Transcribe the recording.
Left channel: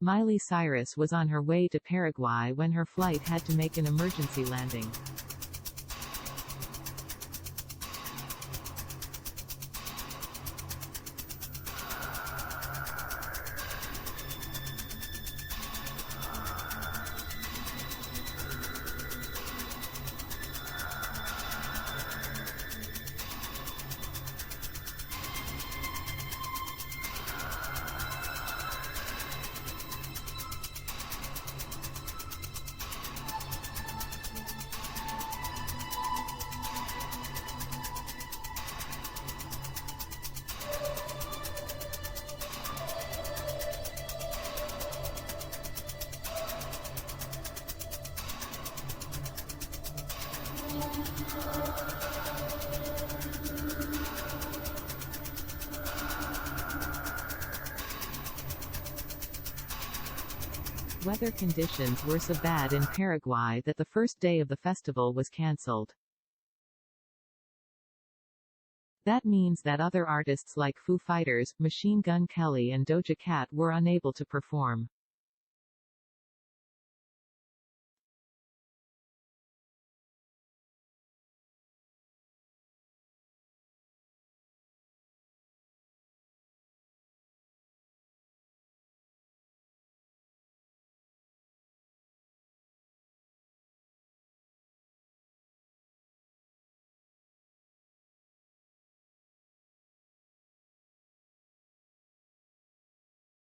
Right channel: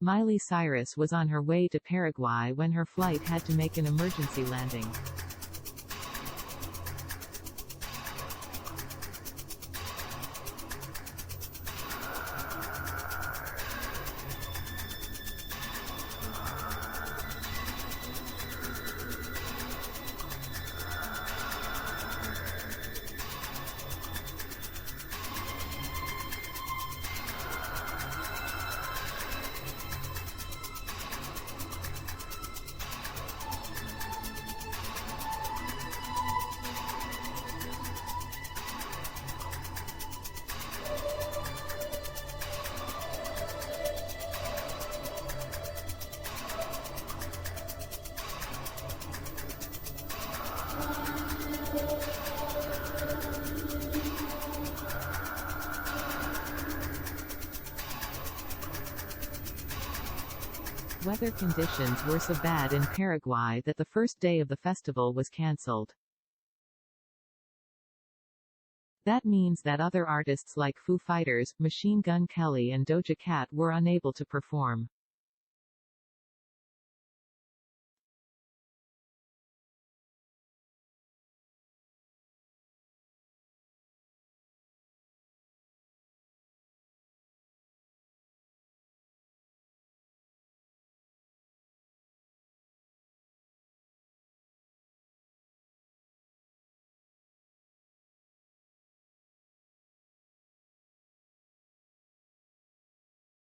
Miley Cyrus was on her way to Paraguay when her flight had to make an emergency landing. Weather conditions were so bad in Paraguay that the first day of the festival was cancelled. That means that other artists like Foo Fighters, Machine Gun Kelly and Doja Cat were unable to perform.